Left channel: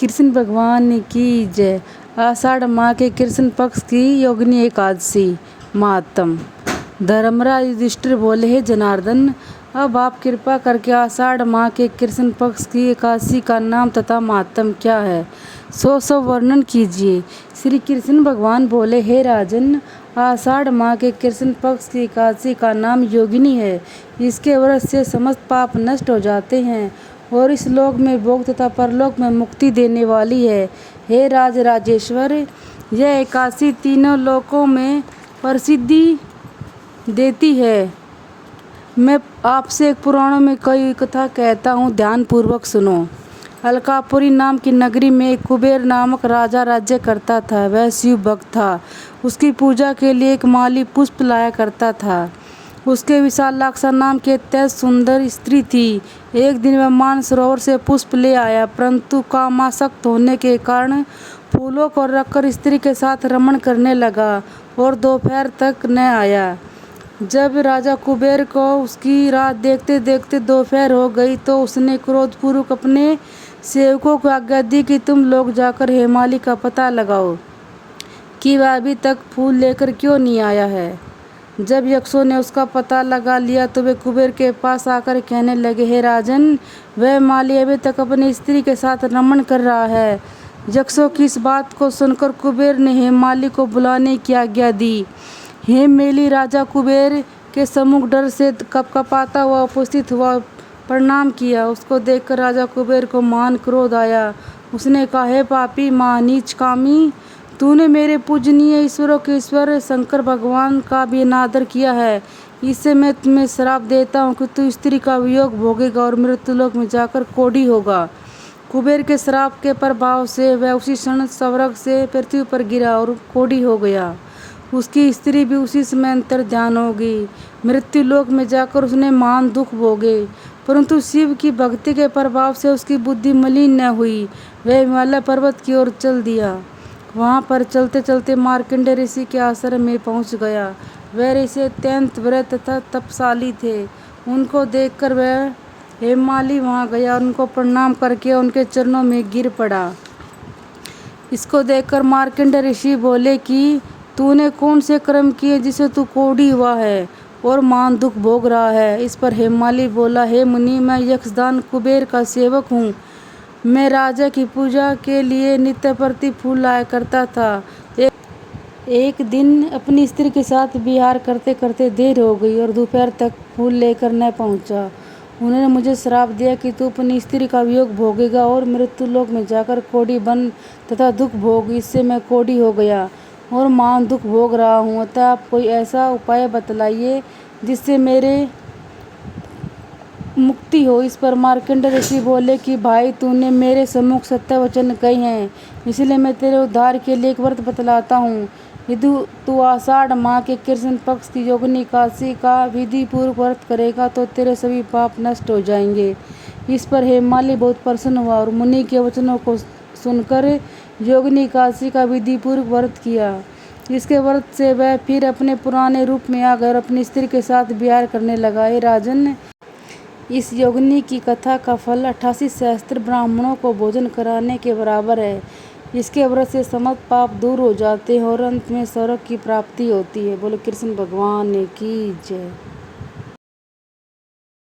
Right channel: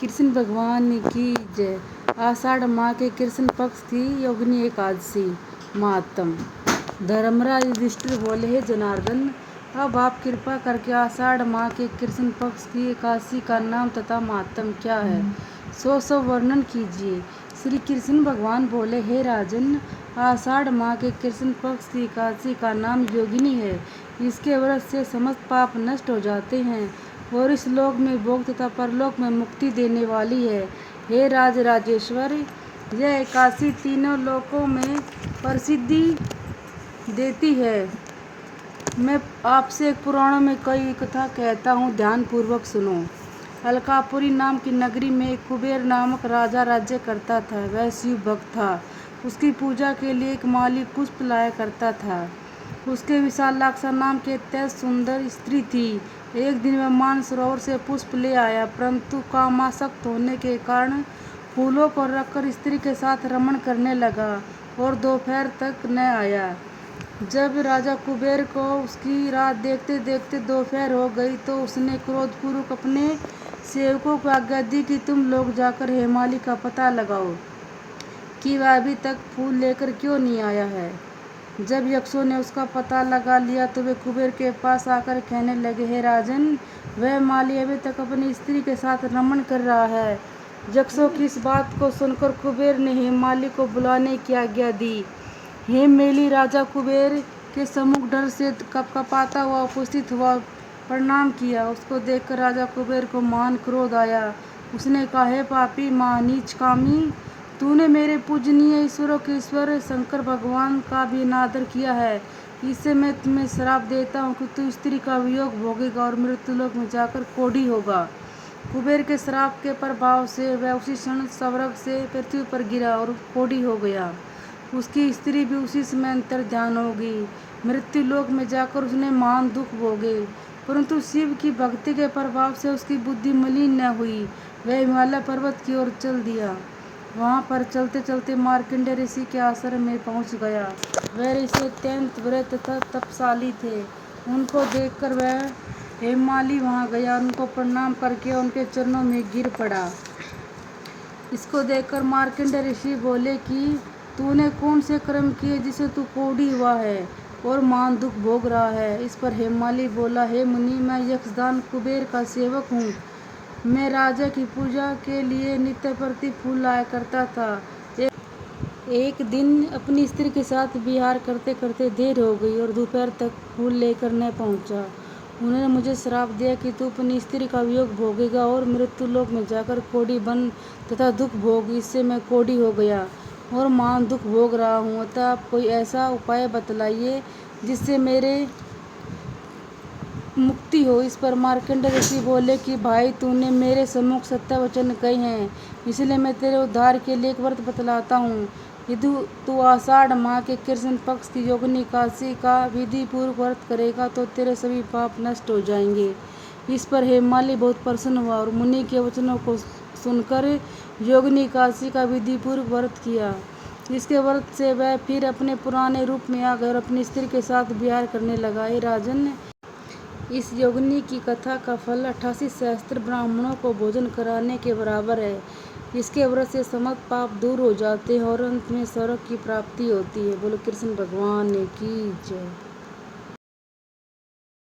कृष्ण भगवान की जय। आषाढ़ माह के कृष्ण पक्ष की योगिनी एकादशी महात्म। धर्मराज युधिष्ठिर बोले, हे जनार्दन, अब आप कृपा करके आषाढ़ माह के कृष्ण पक्ष की एकादशी का नाम तथा महात्म क्या है, सो वर्णन कीजिए। श्री कृष्ण भगवान बोले, हे राजन, आषाढ़ माह के कृष्ण पक्ष की एकादशी का नाम योगिनी है। इसके व्रत से समस्त पाप नष्ट हो जाते हैं और इस लोक में भोग तथा परलोक में मुक्ति देने वाली है। हे राजेश्वर, यह एकादशी तीनों लोकों में प्रसिद्धि देती है। मैं आपसे एक पुराणों में कई कथा कहता हूँ, ध्यान पूर्वक सुनो। अलकापुरी नाम की नगरी में एक कुबेर नामक राजा राज्य करता था। वह शिव भक्त था। उसकी पूजा के लिए एक माली पुष्प लाया करता था। उसके विशालाक्षा नाम की अत्यंत सुंदर स्त्री थी। एक दिन वह मानसरोवर से पुष्प ले आया, परंतु कामासक्त होने के कारण फूलों को रखकर स्त्री के साथ रमण करने लगा और दोपहर तक न आया। जब राजा कुबेर को उसकी राह देखते देखते दोपहर हो गई तो उसने क्रोधपूर्वक अपने सेवकों को आज्ञा दी कि तुम लोग जाकर हेमाली का पता लगाओ कि वह अभी तक फूल लेकर क्यों नहीं आया है। जब यक्षों ने उसका पता लगा लिया तो वे कुबेर के पास आकर कहने लगे, हे राजन, वह माली अभी तक अपनी स्त्री के साथ रमण कर रहा है। यक्षों की इस बात को सुनकर कुबेर ने हेमाली को बुलाने की आज्ञा दी। हेममेली राजा कुबेर के सम्मुख डर से कपकपाता हुआ उपस्थित हुआ, प्रणाम किया। उसको देखकर राजा कुबेर को महान क्रोध आया। उसने कहा, हे पापी, महानीच कामी, तूने मेरे पूजनीय ईश्वरों के ईश्वर शंकर भगवान का भी अनादर किया है। इससे मैं तुम्हें श्राप देता हूँ कि तू स्त्री का वियोग भोगेगा और मृत्युलोक में जाकर कोढ़ी होगा। कुबेर के श्राप के प्रभाव से वह उसी क्षण स्वर्ग से पृथ्वी पर गिरा और कोढ़ी हो गया। उसकी स्त्री भी उसी समय अंतर्ध्यान हो गई। मृत्युलोक में जाकर उसने महान दुख भोगे, परंतु शिव की भक्ति के प्रभाव से उसकी बुद्धि मलिन न हुई। वह हिमालय पर्वत की ओर चल दिया। वहाँ पर चलते चलते मार्कंडेय ऋषि के आश्रम में पहुँच गया। वह ऋषि अत्यंत व्रत तथा तपशाली थे। उनको देखकर वह हेमाली वहाँ गया, उनको प्रणाम करके उनके चरणों में गिर पड़ा। इसको देखकर मार्कंडेय ऋषि बोले कि तूने कौन से कर्म किए जिसे तू कोढ़ी हुआ है और महान दुख भोग रहा है। इस पर हेमाली बोला, हे मुनि, मैं यक्षदान कुबेर का सेवक हूँ। मैं राजा की पूजा के लिए नित्य प्रति फूल लाया करता था। एक दिन अपनी स्त्री के साथ विहार करते करते देर हो गई और दोपहर तक फूल लेकर न पहुंचा। उन्होंने मुझे श्राप दिया कि तू अपनी स्त्री का वियोग भोगेगा और मृत्युलोक में जाकर कोढ़ी बन तथा दुख भोग। इससे मैं कोढ़ी हो गया और महान दुख भोग रहा हूँ। अतः आप कोई ऐसा उपाय बतलाइए जिससे मेरे मुक्ति हो। इस पर मार्कंडेय ऋषि बोले कि भाई, तूने मेरे सम्मुख सत्य वचन कहे हैं, इसलिए मैं तेरे उद्धार के लिए एक व्रत बतलाता हूँ। यदि तू आषाढ़ माह के कृष्ण पक्ष की योगिनी एकादशी का विधि पूर्वक व्रत करेगा तो तेरे सभी पाप नष्ट हो जाएंगे। इस पर हेमाली बहुत प्रसन्न हुआ और मुनि के वचनों को सुनकर योगिनी एकादशी का विधि पूर्वक व्रत किया। इसके व्रत से वह फिर अपने पुराने रूप में आ गए, अपनी स्त्री के साथ विहार करने लगा। हे राजन, इस योगिनी की कथा का फल 88 सहस्त्र ब्राह्मणों को भोजन कराने के बराबर है। इसके व्रत से समस्त पाप दूर हो जाते हैं और अंत में स्वर्ग की प्राप्ति होती है। बोले कृष्ण भगवान की जय।